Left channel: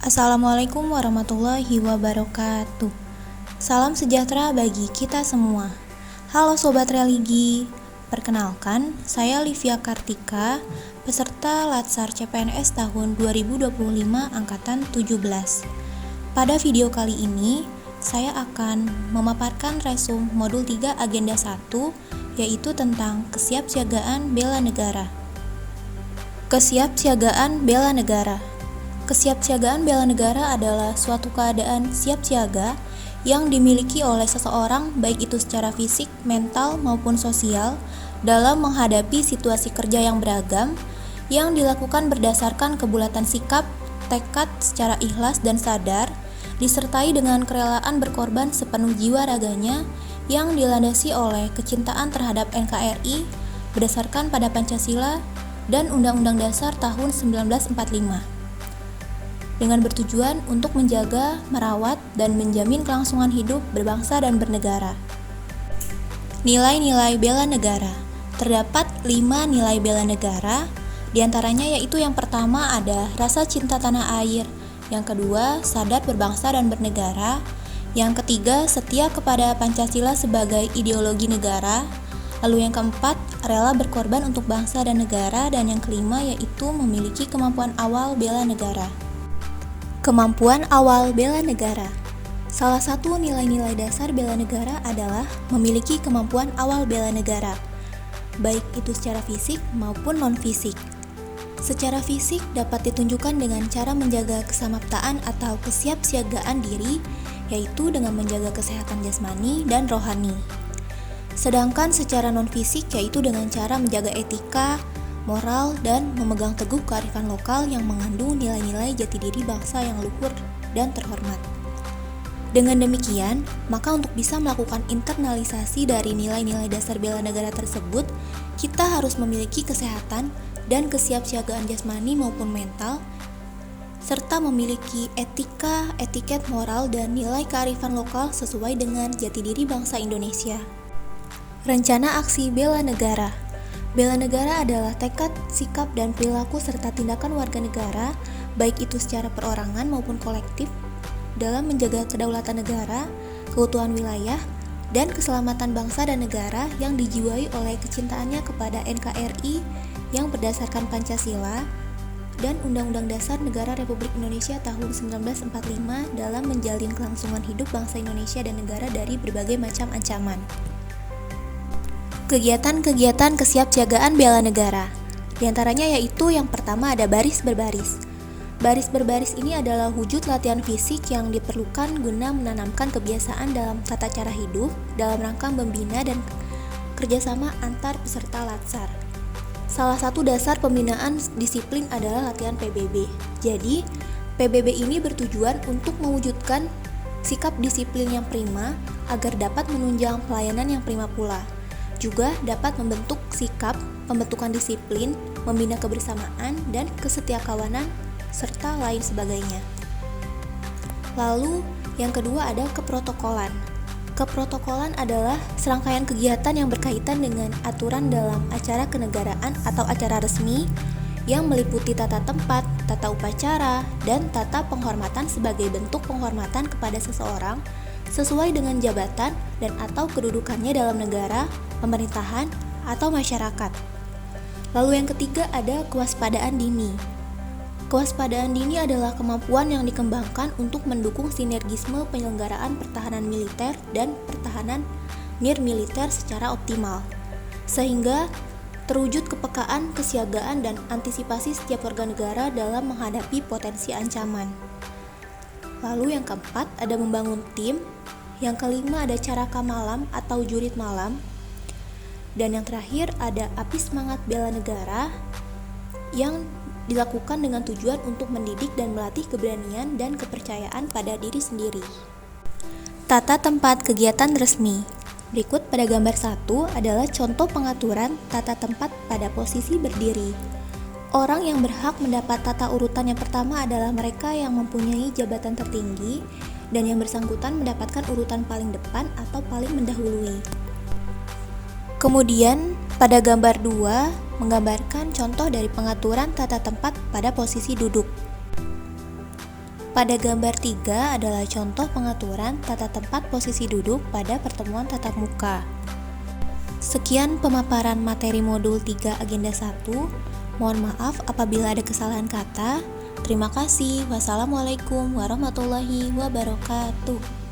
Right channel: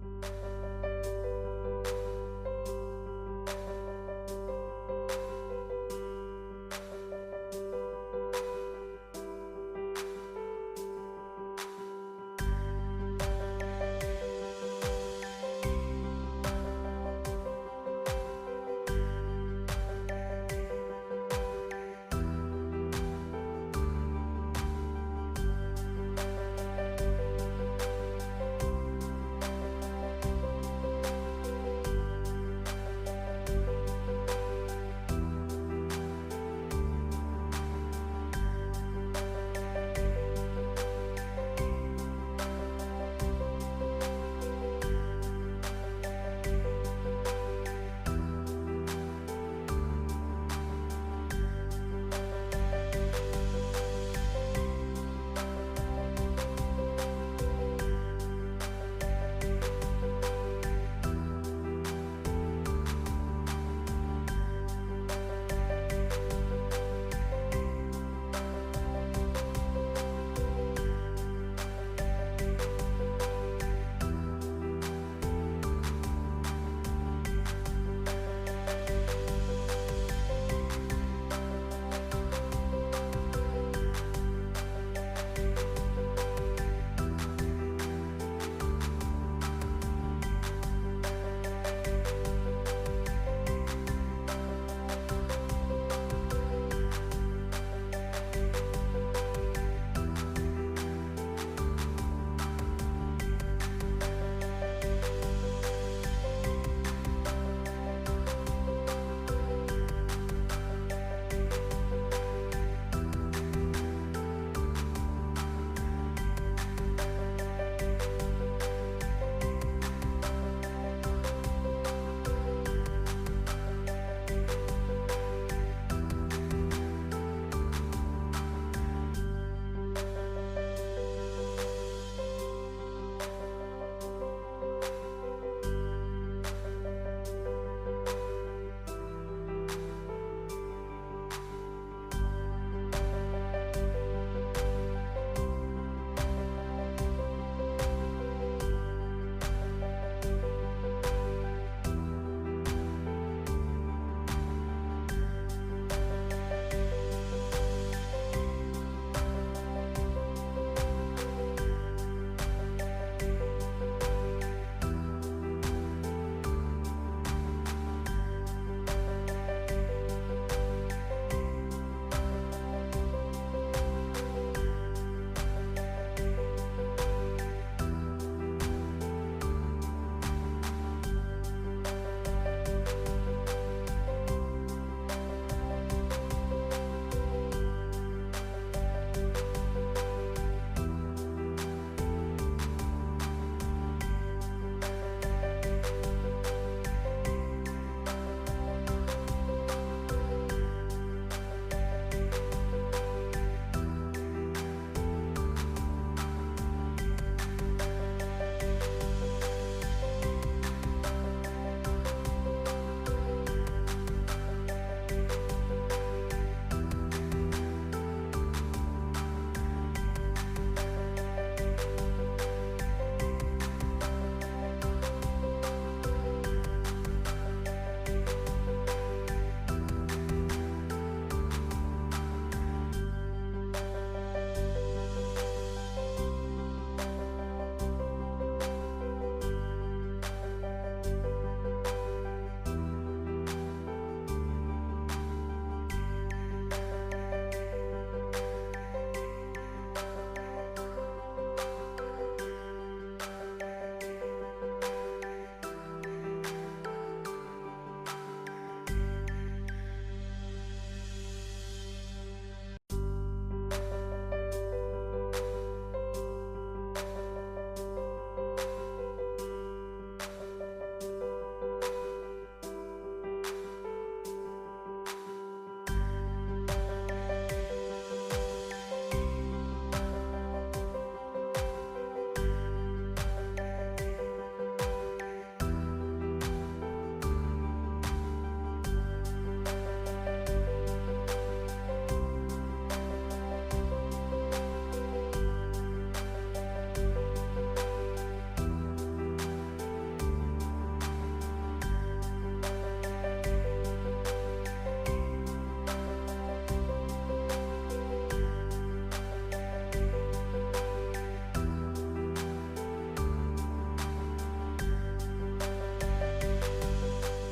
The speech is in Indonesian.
Assalamualaikum warahmatullahi wabarakatuh. Salam sejahtera bagi kita semua. Halo Sobat Religi, perkenalkan saya Livia Kartika, peserta Latsar CPNS tahun 2025 Angkatan 17. Pada video kali ini, saya akan memaparkan resum modul 3 agenda 1, yaitu tentang kesiapsiagaan bela negara. Kesiapsiagaan bela negara. Kesiapsiagaan bela negara adalah suatu keadaan siap siaga yang dimiliki oleh seseorang baik itu secara fisik, mental, maupun sosial dalam menghadapi situasi kerja yang beragam yang dilakukan berdasarkan kebulatan sikap, tekad secara ikhlas dan sadar, disertai dengan kerelaan berkorban sepenuh jiwa raganya yang dilandasi oleh kecintaan terhadap NKRI berdasarkan pada Pancasila dan Undang-Undang Dasar tahun 1945. Dengan bertujuan untuk menjaga, merawat, dan menjamin kelangsungan hidup berbangsa dan bernegara. Nilai-nilai bela negara. Terdapat 5 nilai bela negara, diantaranya yaitu yang pertama ada rasa cinta tanah air, yang kedua sadar berbangsa dan bernegara, yang ketiga setia kepada Pancasila sebagai ideologi negara, lalu yang keempat rela berkorban untuk bangsa dan negara, dan yang kelima yaitu memiliki kemampuan awal bela negara. Kemampuan awal bela negara. Salah satu nilai-nilai dasar bela negara adalah memiliki kemampuan awal bela negara, baik itu secara fisik maupun non-fisik. Secara fisik dapat ditunjukkan dengan cara menjaga kesamaptaan atau kesiapsiagaan diri, yaitu dengan menjaga kesehatan jasmani dan rohani. Sedangkan secara non-fisik yaitu dengan cara menjaga etika, moral, dan memegang teguh kearifan lokal yang mengandung nilai-nilai jati diri bangsa yang luhur dan terhormat. Dengan demikian, maka untuk bisa melakukan internalisasi dari nilai-nilai dasar bela negara tersebut, kita harus memiliki kesehatan dan kesiapsiagaan jasmani maupun mental, serta memiliki etika, etiket moral, dan nilai kearifan lokal sesuai dengan jati diri bangsa Indonesia. Rencana aksi bela negara. Bela negara adalah tekad, sikap, dan perilaku serta tindakan warga negara, baik itu secara perorangan maupun kolektif, dalam menjaga kedaulatan negara, keutuhan wilayah, dan keselamatan bangsa dan negara yang dijiwai oleh kecintaannya kepada NKRI yang berdasarkan Pancasila dan Undang-Undang Dasar Negara Republik Indonesia tahun 1945 dalam menjalin kelangsungan hidup bangsa Indonesia dan negara dari berbagai macam ancaman. Kegiatan-kegiatan kesiapsiagaan bela negara. Di antaranya yaitu yang pertama ada baris berbaris. Baris berbaris ini adalah wujud latihan fisik yang diperlukan guna menanamkan kebiasaan dalam tata cara hidup dalam rangka membina dan kerjasama antar peserta latsar. Salah satu dasar pembinaan disiplin adalah latihan PBB. Jadi, PBB ini bertujuan untuk mewujudkan sikap disiplin yang prima agar dapat menunjang pelayanan yang prima pula. Juga dapat membentuk sikap, pembentukan disiplin, membina kebersamaan, dan kesetiakawanan, serta lain sebagainya. Lalu, yang kedua ada keprotokolan. Keprotokolan adalah serangkaian kegiatan yang berkaitan dengan aturan dalam acara kenegaraan atau acara resmi yang meliputi tata tempat, tata upacara, dan tata penghormatan sebagai bentuk penghormatan kepada seseorang sesuai dengan jabatan dan atau kedudukannya dalam negara, pemerintahan, atau masyarakat. Lalu yang ketiga ada kewaspadaan dini. Kewaspadaan dini adalah kemampuan yang dikembangkan untuk mendukung sinergisme penyelenggaraan pertahanan militer dan pertahanan nirmiliter secara optimal, sehingga terwujud kepekaan, kesiagaan, dan antisipasi setiap warga negara dalam menghadapi potensi ancaman. Lalu yang keempat ada membangun tim, yang kelima ada caraka malam atau jurit malam, dan yang terakhir ada api semangat bela negara yang dilakukan dengan tujuan untuk mendidik dan melatih keberanian dan kepercayaan pada diri sendiri. Tata tempat kegiatan resmi. Berikut pada gambar 1 adalah contoh pengaturan tata tempat pada posisi berdiri. Orang yang berhak mendapat tata urutan yang pertama adalah mereka yang mempunyai jabatan tertinggi dan yang bersangkutan mendapatkan urutan paling depan atau paling mendahului. Kemudian, pada gambar 2 menggambarkan contoh dari pengaturan tata tempat pada posisi duduk. Pada gambar 3 adalah contoh pengaturan tata tempat posisi duduk pada pertemuan tatap muka. Sekian pemaparan materi modul 3 agenda 1. Mohon maaf apabila ada kesalahan kata. Terima kasih. Wassalamualaikum warahmatullahi wabarakatuh.